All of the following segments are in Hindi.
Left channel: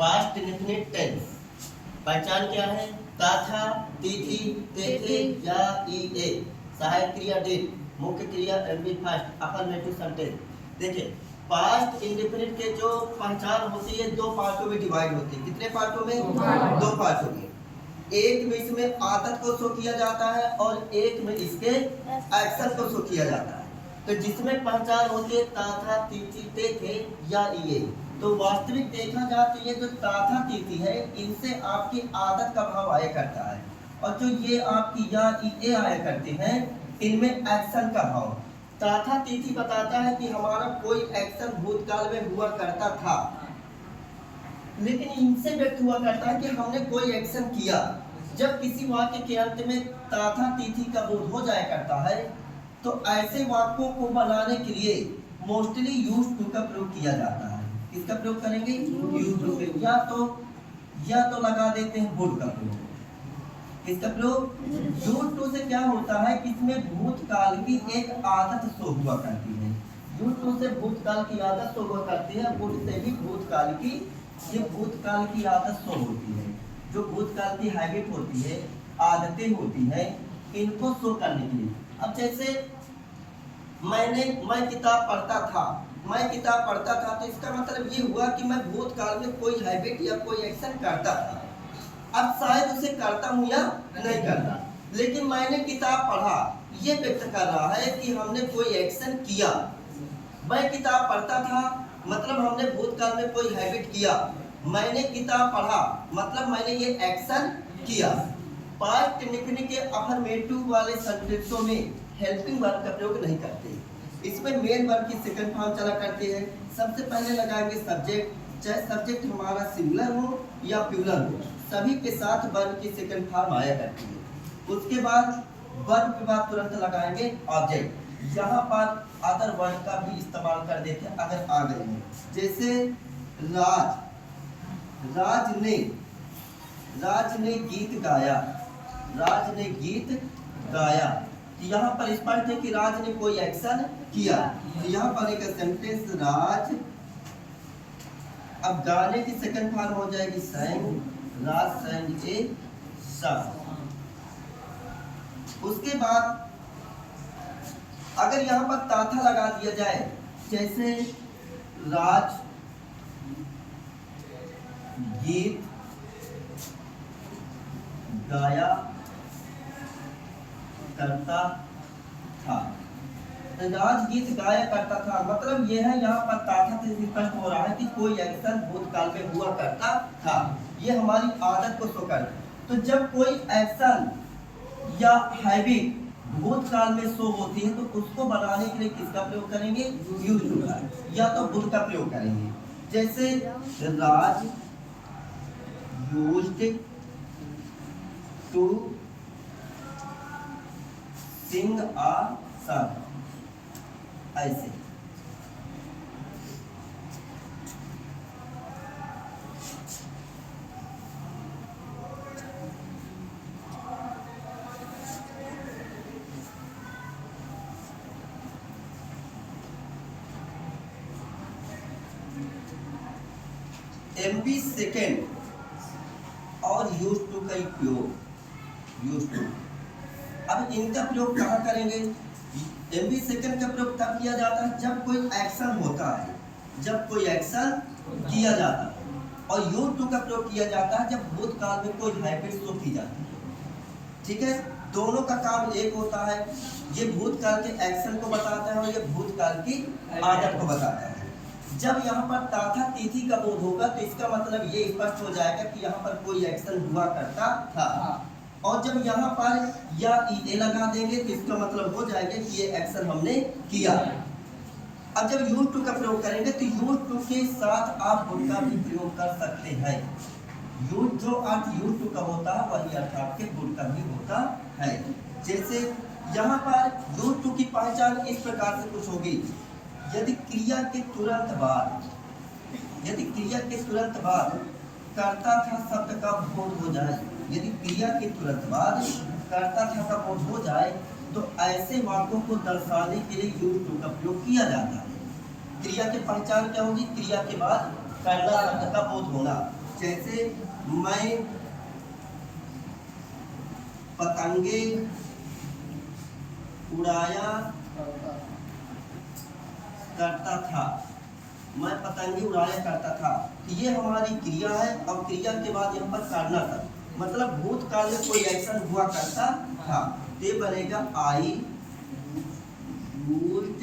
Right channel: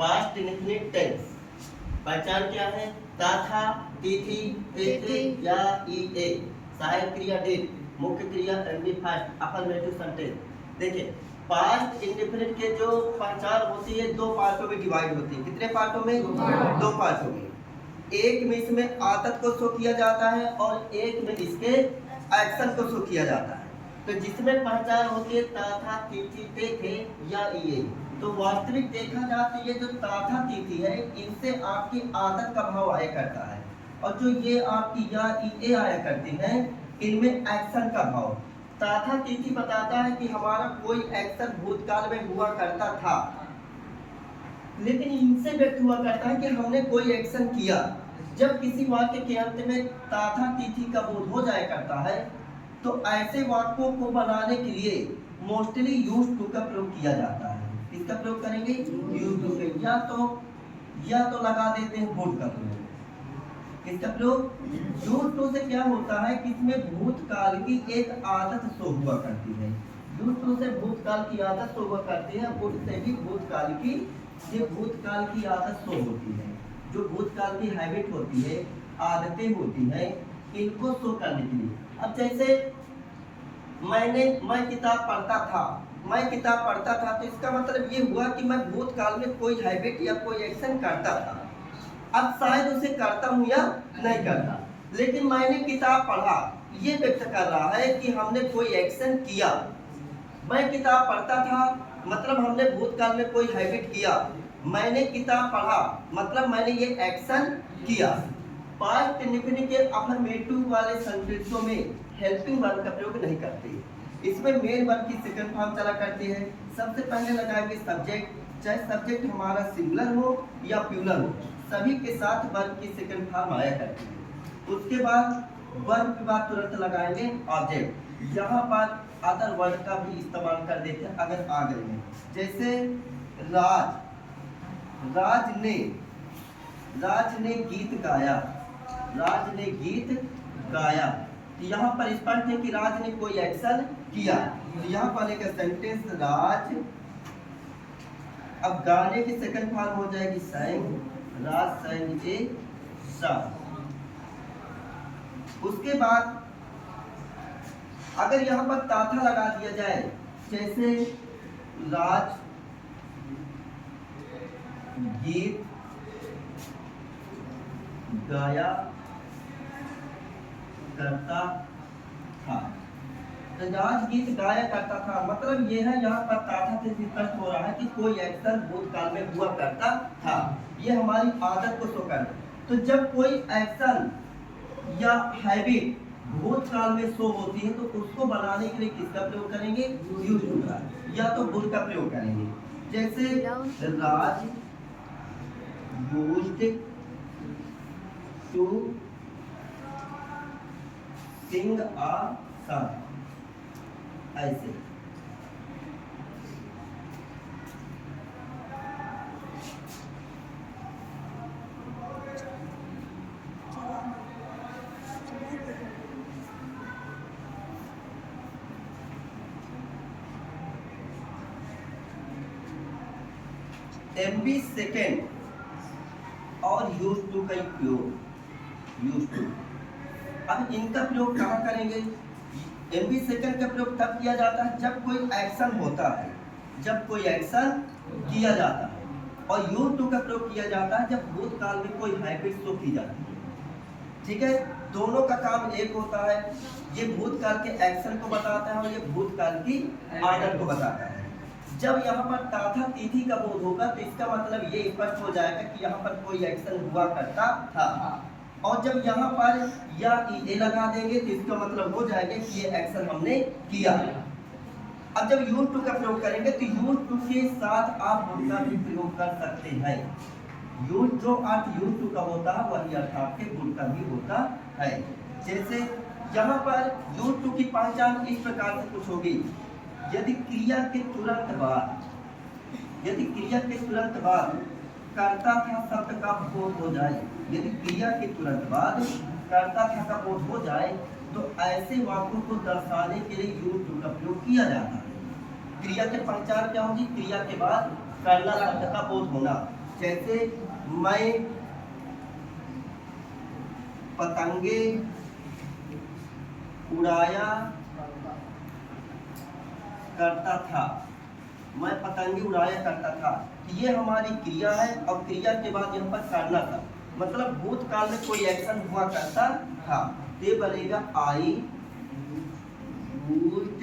पास्ट इंडेफिनिट टेंस पहचान क्या है? ता था, तिथि, तेथे या ईए, सहायक क्रिया डिड, मुख्य क्रिया एमबी फर्स्ट, अफर्मेटिव सेंटेंस। देखिए पास्ट इंडेफिनिट के जो पहचान होती है दो पार्टों में डिवाइड होती है। कितने पार्टों में? दो पार्टों में। एक में इसमें आदत को शो किया जाता है और एक में इसके एक्शन को शो किया जाता है। तो जिसमें पहचान होती है ता था, तिथि, तेथे या ईए, तो वास्तविक देखा जाए तो ये जो ता था, तिथि है, इनसे आपकी आदत का भाव आया करता है, और जो ये आपकी या ईए आया करते हैं इनमें एक्शन का भाव। ता था, तिथि बताता है कि हमारा कोई एक्शन भूतकाल में हुआ करता था, लेकिन इनसे व्यक्त हुआ करता है कि हमने कोई एक्शन किया। जब किसी वाक्य के अंत में ता था, तिथि का बोध हो जाया करता है तो ऐसे वाक्यों को बनाने के लिए मोस्टली यूज्ड टू का प्रयोग किया जाता है। किसका प्रयोग करेंगे? यूज्ड टू का। या तो लगा देते हैं वुड का प्रयोग। किसका प्रयोग? यूज्ड टू से क्या होता है कि इसमें भूतकाल की एक आदत शो हुआ करती है। यूज्ड टू से भूतकाल की आदत शो हुआ करती है, वुड से भी भूतकाल की, ये भूतकाल की आदत शो होती है। जो भूतकाल की हैबिट होती है, आदतें होती हैं, इनको शो करने के लिए। अब जैसे मैं किताब पढ़ता था, तो इसका मतलब ये हुआ कि मैं भूतकाल में कोई हैबिट या कोई एक्शन करता था। अब शायद उसे करता हूँ या नहीं करता, लेकिन मैंने किताब पढ़ा ये व्यक्त कर रहा है कि हमने कोई एक्शन किया। मैं किताब पढ़ता था मतलब हमने भूतकाल में कोई हैबिट किया। मैंने किताब पढ़ा मतलब मैंने ये एक्शन किया। पास्ट इंडेफिनिट के अफर्मेटिव वाले सेंटेंसों में हेल्पिंग वर्ब का प्रयोग नहीं करते। इसमें मेन वर्ब की सेकंड फॉर्म चला करते हैं। सबसे पहले लगाएंगे सब्जेक्ट, चाहे सब्जेक्ट हमारा सिंगुलर हो या प्लूरल हो, सभी के साथ वर्ब की सेकंड फॉर्म आया करती है। उसके बाद वर्ब के बाद तुरंत लगाएंगे ऑब्जेक्ट। यहाँ पर अदर वर्ड का भी इस्तेमाल कर देते हैं अगर आ गए हैं। जैसे राज ने गीत गाया, तो यहाँ पर स्पष्ट है कि राज ने कोई एक्शन किया। तो यहाँ पर एक सेंटेंस राज, अब गाने की सेकंड फॉर्म हो जाएगी sang, राज sang ए song। उसके बाद अगर यहाँ पर ताथा लगा दिया जाए, जैसे राज गीत गाया करता था, तो राज गीत गाया करता था मतलब ये है यहाँ पर ताथा से स्पष्ट हो रहा है कि कोई एक्शन भूतकाल में हुआ करता था। ये हमारी आदत को शो कर। तो जब कोई एक्शन या हैबिट भूतकाल में शो होती है तो उसको बनाने के लिए किसका प्रयोग करेंगे? यूज्ड टू का या तो वुड का प्रयोग करेंगे। जैसे Raj used to sing a song, ऐसे। एमबी सेकेंड और यूज्ड टू का प्रयोग, यूज्ड टू। अब इनका प्रयोग कहाँ करेंगे? एमबी सेकेंड का प्रयोग तब किया जाता है जब कोई एक्शन होता है, जब कोई एक्शन किया जाता है, और यूज्ड टू का प्रयोग किया जाता है जब भूतकाल में कोई हैबिट शो की जाती है। ठीक है, दोनों का काम एक होता है। ये भूतकाल के एक्शन को बताता है और ये भूतकाल की आदत को बताता है। जब यहाँ पर ताथा तिथि का बोध होगा तो इसका मतलब ये स्पष्ट हो जाएगा कि यहाँ पर कोई एक्शन हुआ करता था, और जब यहाँ पर या ईए लगा देंगे तो इसका मतलब हो जाएगा कि ये एक्शन हमने किया। अब जब यूज्ड टू का प्रयोग करेंगे तो यूज्ड टू के साथ आप वुड का भी प्रयोग कर सकते हैं। जो अर्थ यूज्ड टू का होता है वही अर्थ आपके वुड का भी होता है। जैसे यहाँ पर यूज्ड टू की पहचान इस प्रकार से कुछ होगी। यदि क्रिया के तुरंत बाद कर्ता था शब्द का बोध हो जाए, यदि क्रिया के तुरंत बाद कर्ता था का बोध हो जाए तो ऐसे वाक्यों को दर्शाने के लिए यूज्ड टू का प्रयोग किया जाता है। क्रिया की पहचान क्या होगी? क्रिया के बाद कर्ता शब्द का बोध होना। जैसे मैं पतंगे उड़ाया करता था। मैं पतंगे उड़ाया करता था, ये हमारी क्रिया है और क्रिया के बाद यहाँ पर करना था, मतलब भूतकाल में कोई एक्शन हुआ करता था। ये बनेगा I used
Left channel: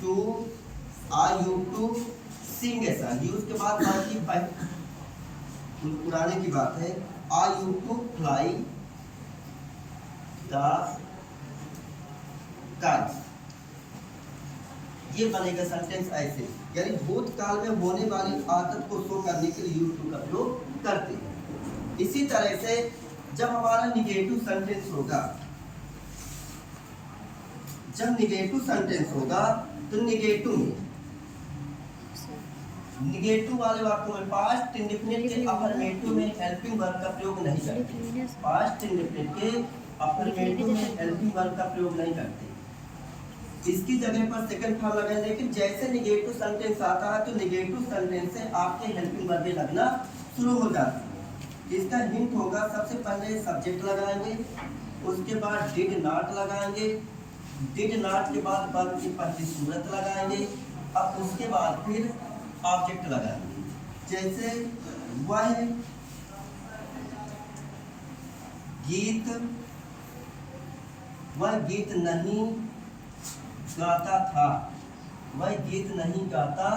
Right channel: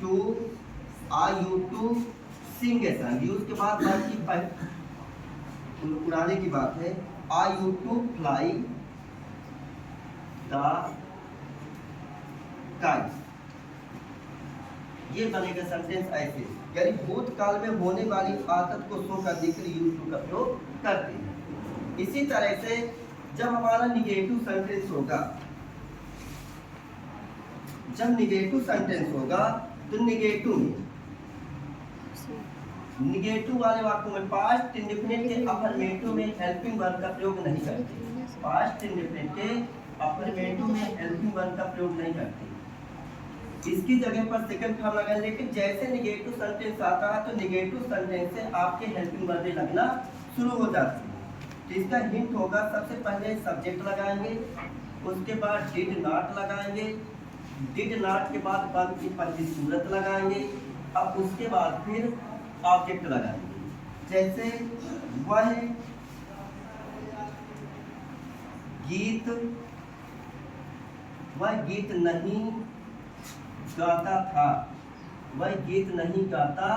to sing a song. Use के बाद बाकी उड़ाने की बात है। I used to fly the kites. ये बनेगा सेंटेंस ऐसे, यानी भूतकाल में होने वाली आदत को शो करने के लिए यूज टू का प्रयोग करते हैं। इसी तरह से जब हमारा निगेटिव सेंटेंस होगा, जब निगेटिव सेंटेंस होगा तो निगेटिव वाले वाक्यों में पास्ट इंडेफिनिट के अफर्मेटिव में हेल्पिंग वर्ब का प्रयोग नहीं करते। पास्ट इंडेफिनिट के अफर्मेटिव में हेल्पिंग वर्ब का प्रयोग नहीं करते, इसकी जगह पर सेकंड फॉर्म लगाए। लेकिन जैसे निगेटिव सेंटेंस आता है तो निगेटिव सेंटेंस से आपके हेल्पिंग वर्बें लगना शुरू हो जाती है। तो इसका हिंट होगा, सबसे पहले सब्जेक्ट लगाएंगे, उसके बाद डिड नॉट लगाएंगे, डिड नॉट के बाद वर्ब की पहली सूरत लगाएंगे, अब उसके बाद फिर ऑब्जेक्ट लगाएंगे। जैसे वह गीत नहीं गाता था, वह गीत नहीं गाता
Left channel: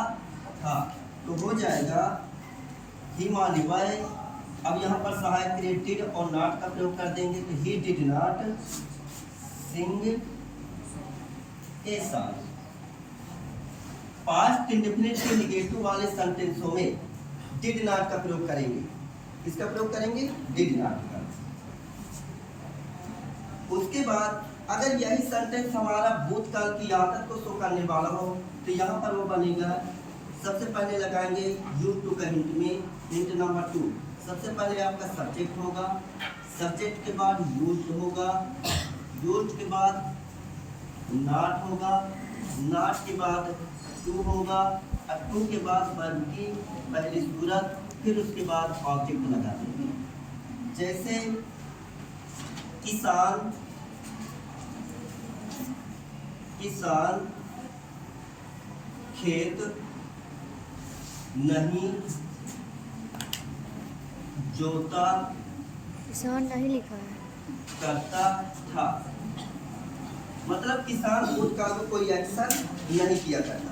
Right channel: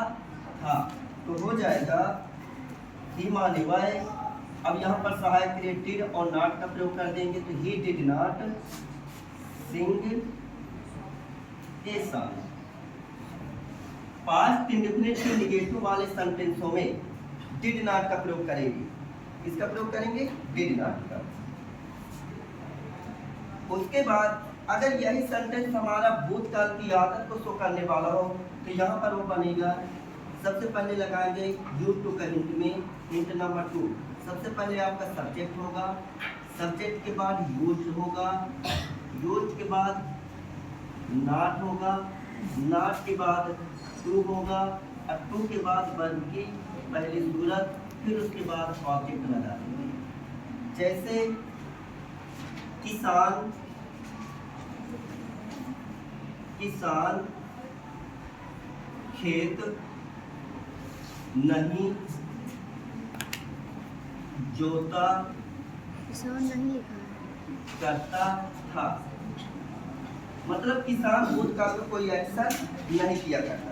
था, तो हो जाएगा ही माने वह। अब यहाँ पर सहायक क्रिया डिड और नॉट का प्रयोग कर देंगे, तो he did not sing a song. Past indefinite के निगेटिव वाले सेंटेंसों में डिड नॉट का प्रयोग करेंगे। इसका प्रयोग करेंगे डिड नॉट का। उसके बाद अगर यही सेंटेंस हमारा भूतकाल की आदत को शो करने वाला हो तो यहाँ पर वो बनेगा, सबसे पहले लगाएंगे यूज टू का हिंट में, हिंट नंबर 2। सबसे पहले आपका सब्जेक्ट होगा, सब्जेक्ट के बाद यूज्ड होगा, यूज्ड के बाद नॉट होगा, नॉट के बाद टू होगा, और टू के बाद वर्ब की पहली सूरत, फिर उसके बाद ऑब्जेक्ट लगा देंगे। जैसे किसान खेत नहीं जोता, किसान नहीं लिखा है, करता था, मतलब किसान भूतकाल में कोई एक्शन नहीं किया करता।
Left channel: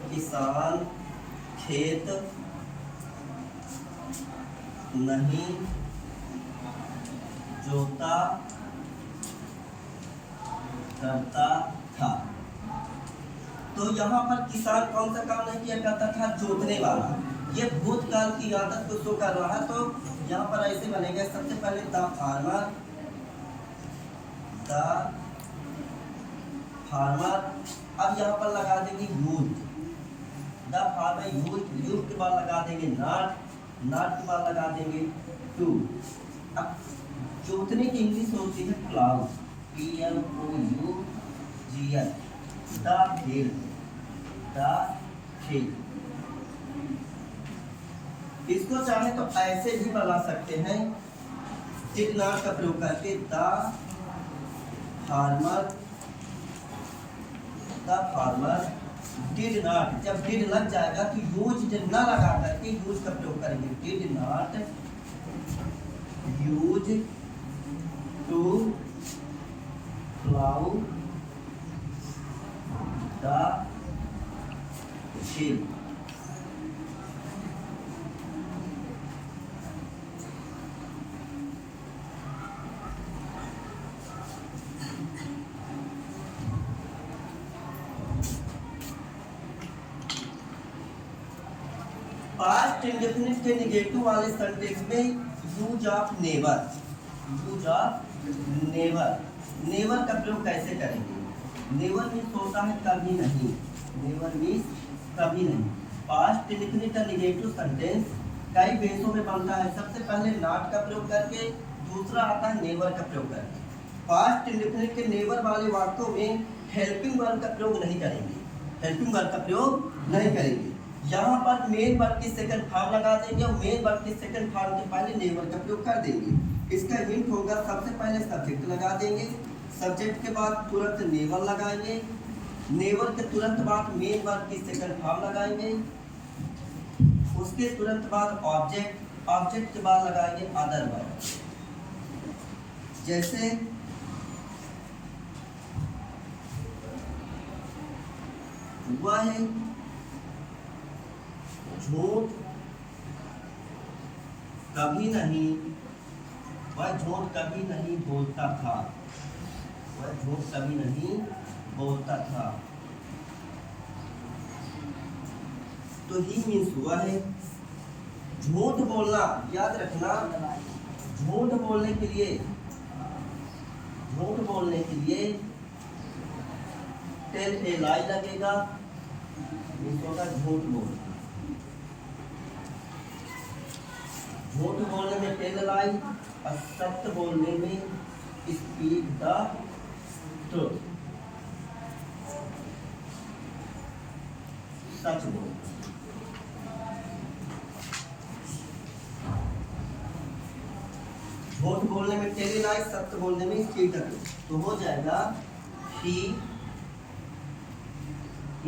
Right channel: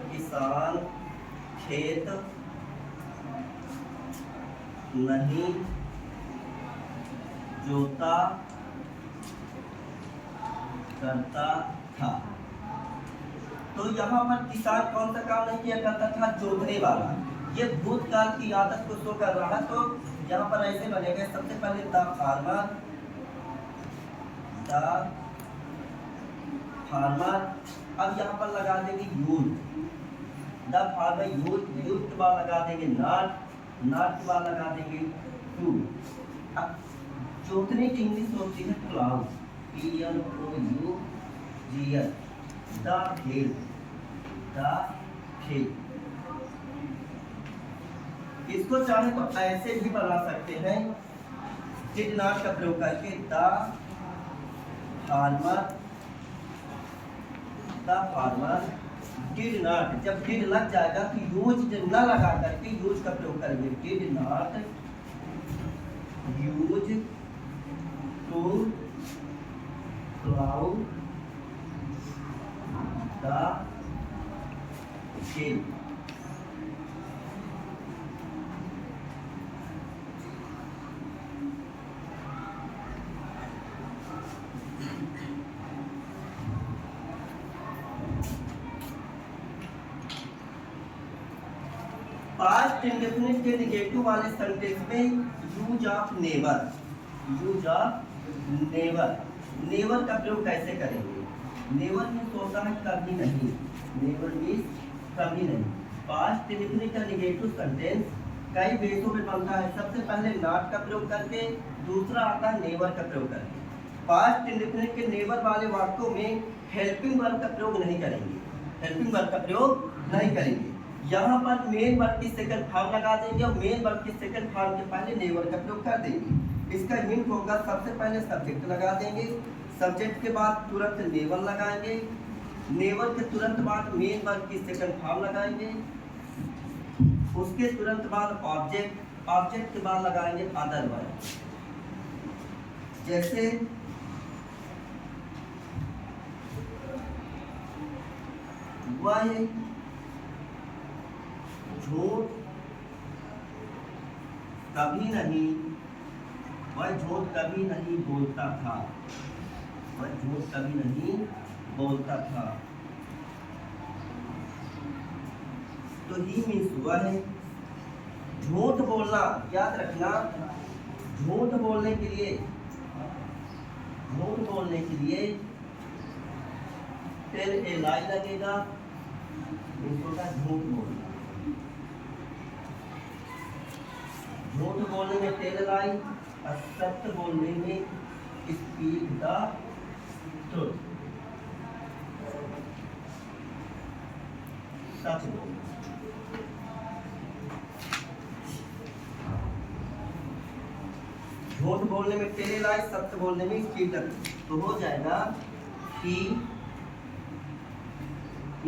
किसान खेत नहीं जोता करता था। तो यहाँ पर किसान कौन सा काम नहीं किया करता था? जोतने वाला। ये भूतकाल की आदत को शो कर रहा है, तो यहाँ पर ऐसे बनेगा। सबसे पहले द फार्मर, अब यहाँ पर लगा देंगे यूज, द फार्मर यूज के बाद लगा देंगे नॉट के बाद लगा देंगे टू। अब जोतने की इंग्लिश होती है प्लाउ, PLOUGL, द फील्ड। इसको चाहे तो ऐसे भी बना सकते हैं, डिड नॉट का प्रयोग करके, द फार्मर डिड नॉट। जब डिड लग जाएगा तो यूज न लगा करके यूज का प्रयोग करेंगे, did not use to plough the field. Past indefinite के नेगेटिव वाले सेंटेंस में यूज ऑफ नेवर, नेवर का प्रयोग कैसे करेंगे? नेवर मीन्स होता है कभी नहीं, नेवर मीन्स कभी नहीं। पास्ट इंडेफिनिट का निगेटिव सेंटेंस कई बेसों में बनता है। सबसे पहले नॉट का प्रयोग करके, दूसरा आता है नेवर का प्रयोग करके। पास्ट इंडेफिनिट के नेवर वाले वाक्यों में हेल्पिंग वर्ब का प्रयोग नहीं करेंगे, हेल्पिंग वर्ब का प्रयोग नहीं करेंगे। यहाँ पर मेन वर्ब की सेकंड फॉर्म लगा देंगे और मेन वर्ब की सेकंड फॉर्म के पहले नेवर का प्रयोग कर देंगे। इसका हिंट होगा, सबसे पहले सब्जेक्ट लगा देंगे, सब्जेक्ट के बाद तुरंत नेवर लगाएंगे, नेवर के तुरंत बाद मेन वर्ब की सेकंड फॉर्म लगाएंगे, उसके तुरंत बाद ऑब्जेक्ट, ऑब्जेक्ट के बाद लगाएंगे अदर वर्ब। जैसे वह झूठ कभी नहीं, वह झूठ कभी नहीं बोलता था, वह झूठ कभी नहीं बोलता था। तो ही मीन्स हुआ है झूठ बोलना। याद रखना, झूठ बोलने के लिए, झूठ बोलने के लिए टेल ए लाई लगेगा, मीन्स होगा झूठ बोलना। झूठ बोलने में टेल लाई और सत्य बोलने में स्पीक द ट्रुथ, सच बोलना। झूठ बोलने में टेल लाई, सत्य बोलने में स्पीक द ट्रुथ। तो हो जाएगा ही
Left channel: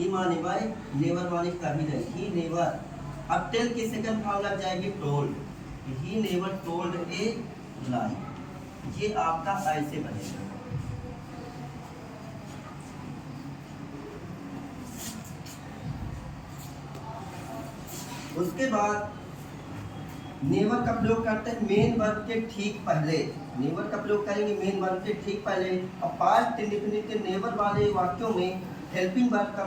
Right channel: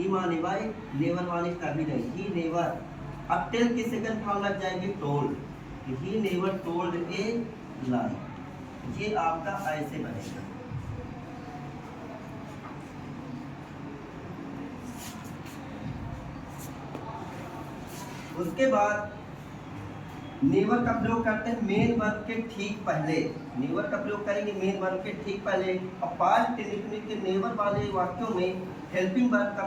माने बाय, नेवर माने कभी नहीं, ही नेवर। अब टेल की सेकंड फॉर्म लग जाएगी टोल्ड, ही नेवर टोल्ड ए लाई। ये आपका ऐसे बनेगा। उसके बाद नेवर का प्रयोग करते हैं मेन वर्ब के ठीक पहले, नेवर का प्रयोग करेंगे मेन वर्ब के ठीक पहले। और पास्ट इंडेफिनिट के नेवर वाले वाक्यों में हेल्पिंग वर्ब का